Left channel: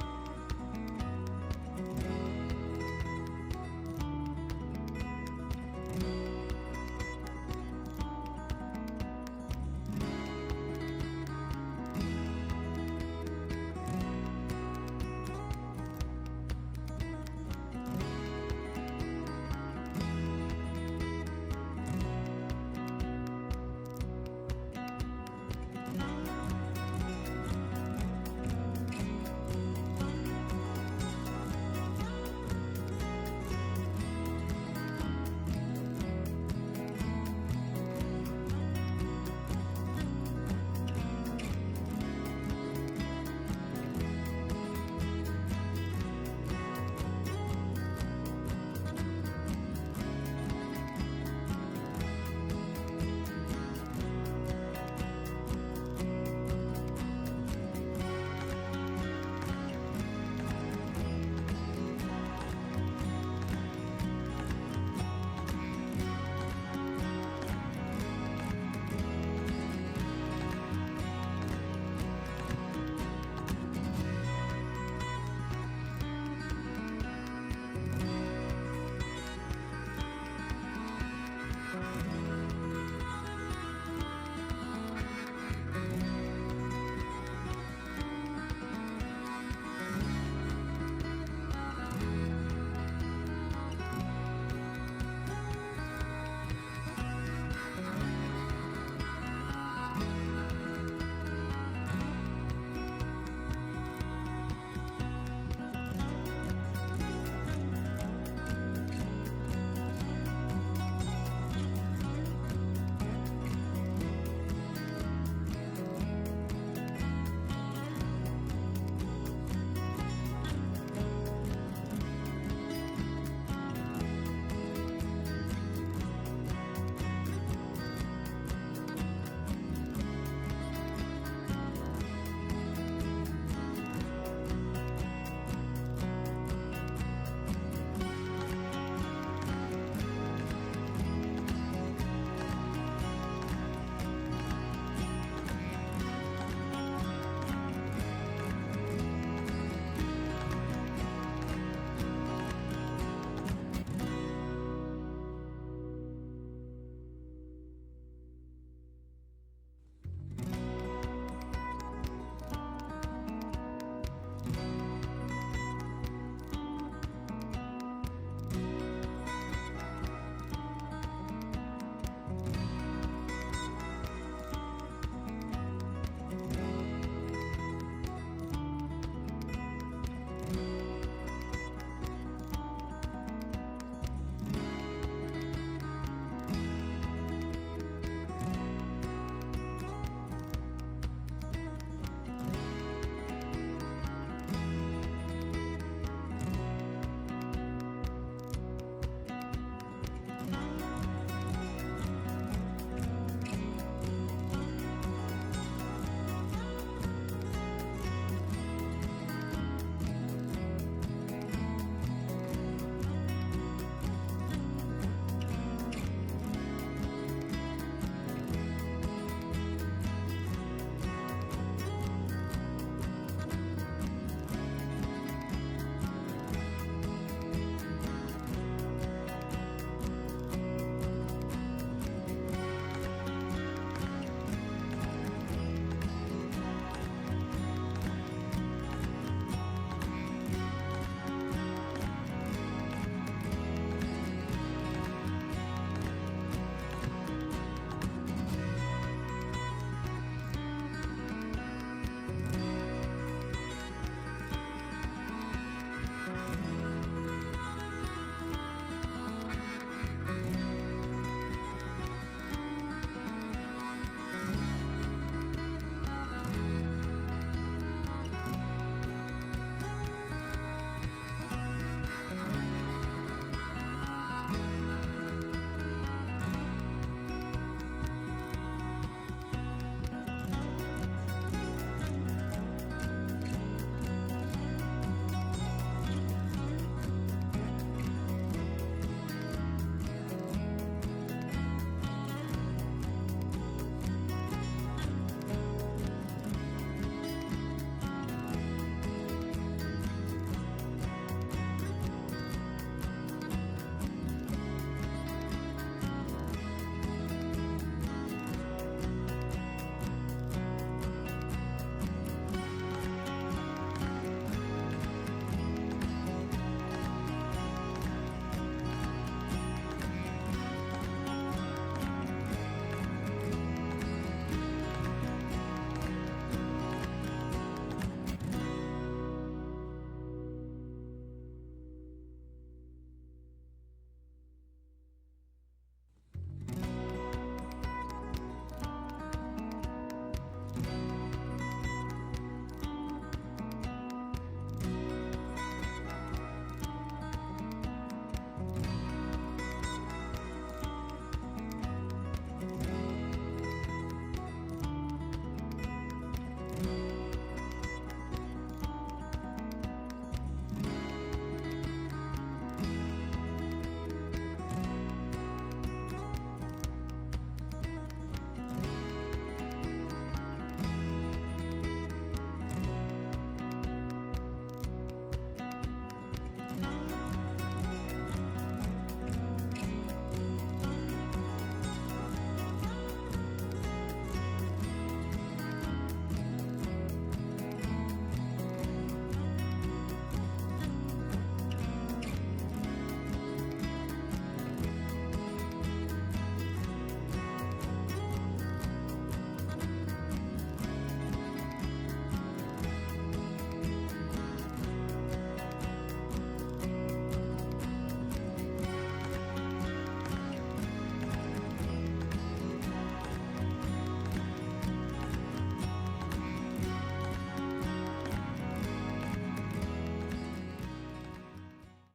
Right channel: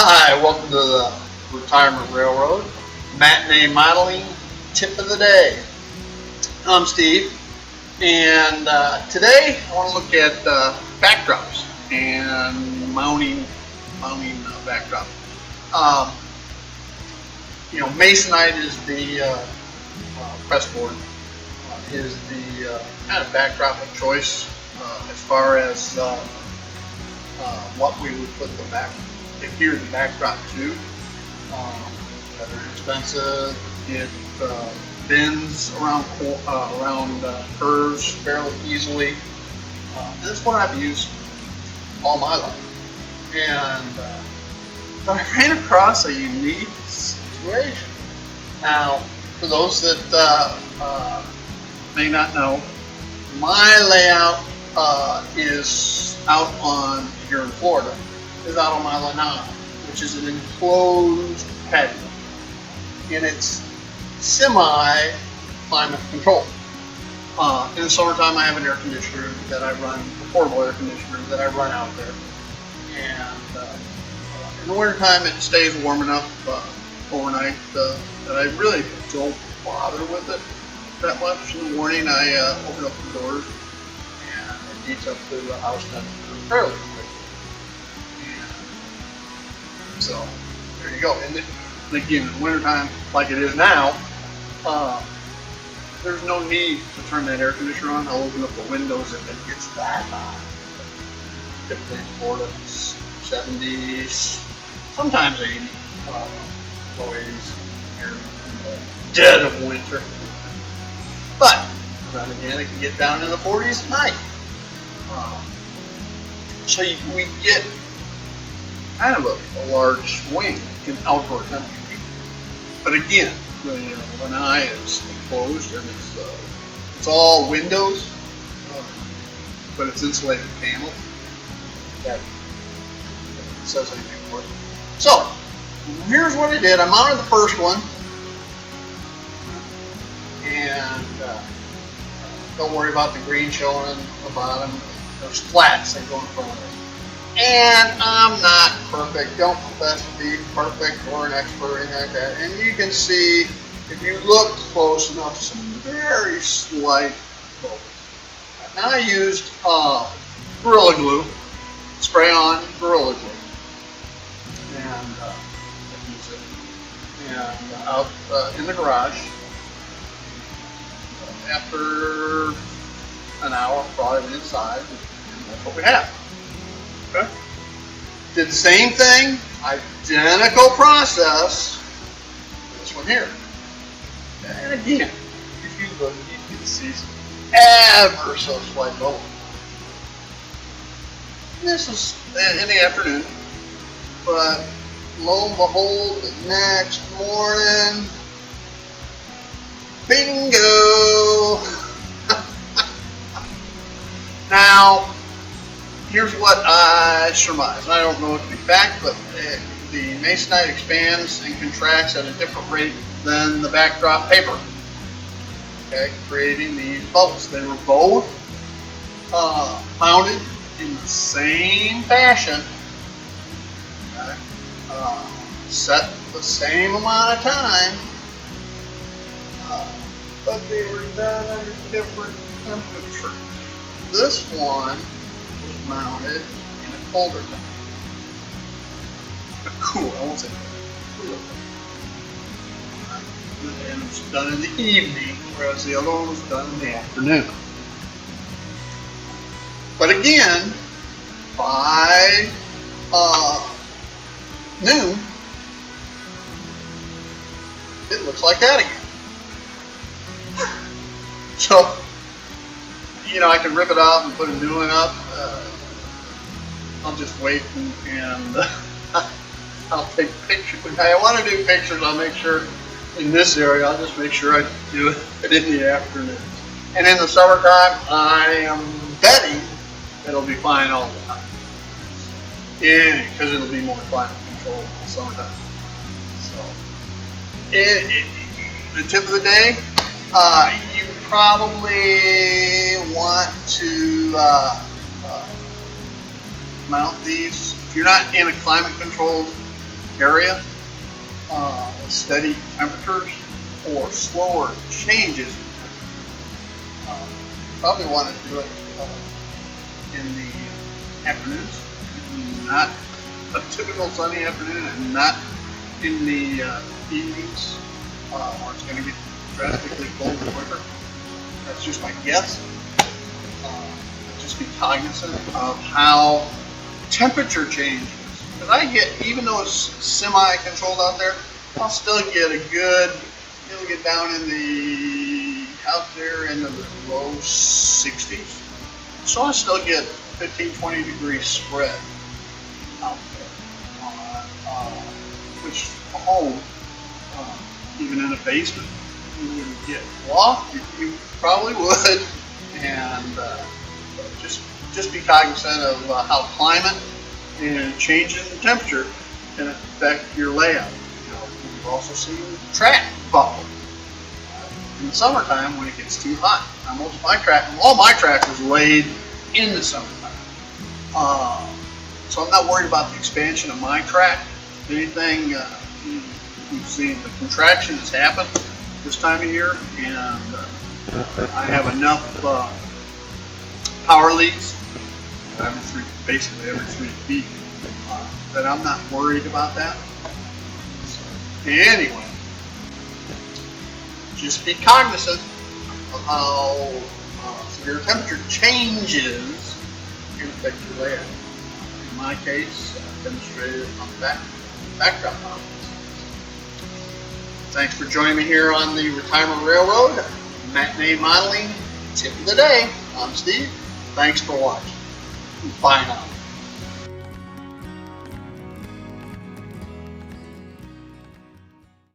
Hi, welcome to the Retirement Railroad Matinee Modeling Tip of the Day. I'm Steve, and today I want to look at backdrops and mounting backdrop. Masonite is the press board is the kind of backdrop of choice as far as what we would put adhere the backdrop to. They're inexpensive. It bends around curves fairly easily. This is what I've used all my life, and but I ran across a unique situation. Now, for those that may not know, my layout is out on here in Florida. Is out on my lanai, which is an enclosed patio, and it's semi-climate controlled. In the summertime, I have an air conditioner that I run, a portable air conditioner that I run out there, and in the wintertime, it stays warm enough overnight that I really don't bother with it that much. In the morning, I open up the doors and it heats up to the house temperature fairly quickly. So there you go. And again, in the wintertime, like it is now, there's no need to turn that air conditioner on. I'll open up the windows and it gets that hot. Typically in Florida, 70s, sometimes 80s, low 80s here in the dead of winter. But then again, it can get down in the 40s at night. So we get kind of a large swing in outdoor temperature. But again, the lanai is enclosed and it's all windows, but it's insulated panels. That says anything for it. So here's what I did. I mounted the first one, and don't worry about the green showing at the bottom. There's flats that go in front of it. And I'm not perfect, don't profess to be perfect or an expert or anything like that. And you can see, if you look close enough, some very slight bubbles. Now I used Gorilla Glue, spray on Gorilla Glue. And I use it. And out in the garage, after an hour, brought it inside, and that's what we have. Okay. Did the same thing, identical process, this one here. And again, if you look, you can see some ever so slight bubbles. This is in the afternoon, but lo and behold, the next morning, bingo! Now, here's what I surmise. I don't know it to be fact, but the masonite expands and contracts at a different rate than the backdrop paper. Okay, creating these bubbles. They were both mounted in the same fashion. Okay, set the same amount of time, but they were done at a different temperature. This one mounted in a colder temperature. But cool, I won't say cool. And it's done in the evening, whereas the other one was done in the afternoon. But again, by noon, it looks like that again. So, I can rip it off and put a new one up. I'll just wait and I'll take pictures. If I want to do pictures, I'll make sure in this area, I'll just make sure I do it in the afternoon. And in the summertime, I am betting it'll be fine all the time. Yeah, because it'll be more climate controlled in the summertime. So, the tip of the day, you probably want to mount these. If you're not in a climate controlled area, steady temperatures, or slower changes. Probably want to do it in the afternoons, not a typical sunny afternoon, and not in the evenings, or it's going to get drastically colder quicker. That's just my guess. Just be cognizant of how temperature changes. Because I get, even though it's semi-controlled out there, I'll still get a good, it'll get down in the, out there in the low 60s. So I still get 15-20 degree spread out there. Which at home, even in a basement, you wouldn't get loft. You probably would. And just be cognizant of how climate and changes in temperature can affect your layout. We've also seen track bubble in the summertime when it gets too hot. Now, all my track was laid in the summertime, so I'm not worried about the expansion of my track. If anything, you've seen the contraction has happened this time of year, and I have enough power leads basically every 3 feet that I'm not worried about that. Anyway, just be cognizant of how severe temperature changes can affect your layout. In my case, demonstrated on the backdrop model. Thanks for joining me here on the Retirement Railroad Matinee Modeling Tip of the Day. I'm Steve. Thanks for watching. Bye now.